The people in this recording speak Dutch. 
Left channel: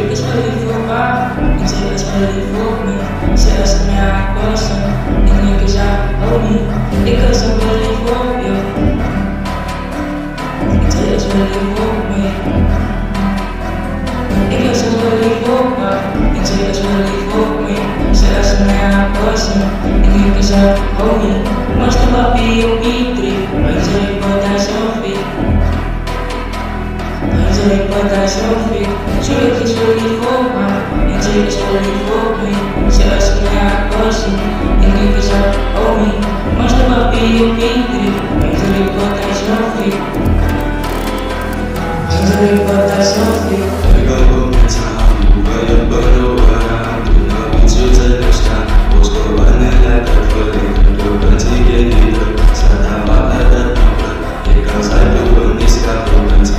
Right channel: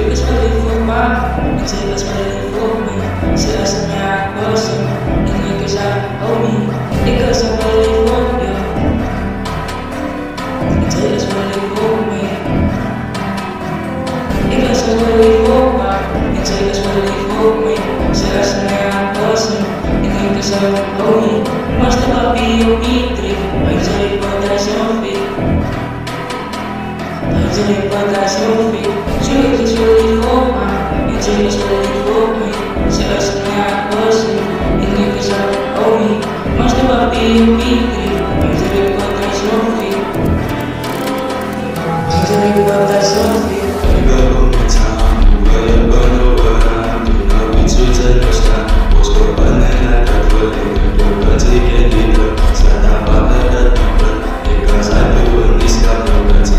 ik is wel lief voor pa, en zij is wel lief voor mij. Ze is een haar person, en ik is haar homie. Ik is ook wel lief voor jou, en zij is wel lief voor mij. Ik is ook wel lief voor pa, en zij is wel lief voor mij. Ze is een haar person, en ik is haar homie. Master papi op iedereen, hij zei wat hij zo vindt. Hij zei wat hij zo vindt. Zo ik is wel lief voor pa, en zij is wel lief voor mij. Ze is een haar person, en ik is haar homie. Master papi op iedereen, hij zei wat hij zo vindt. Hij zei wat hij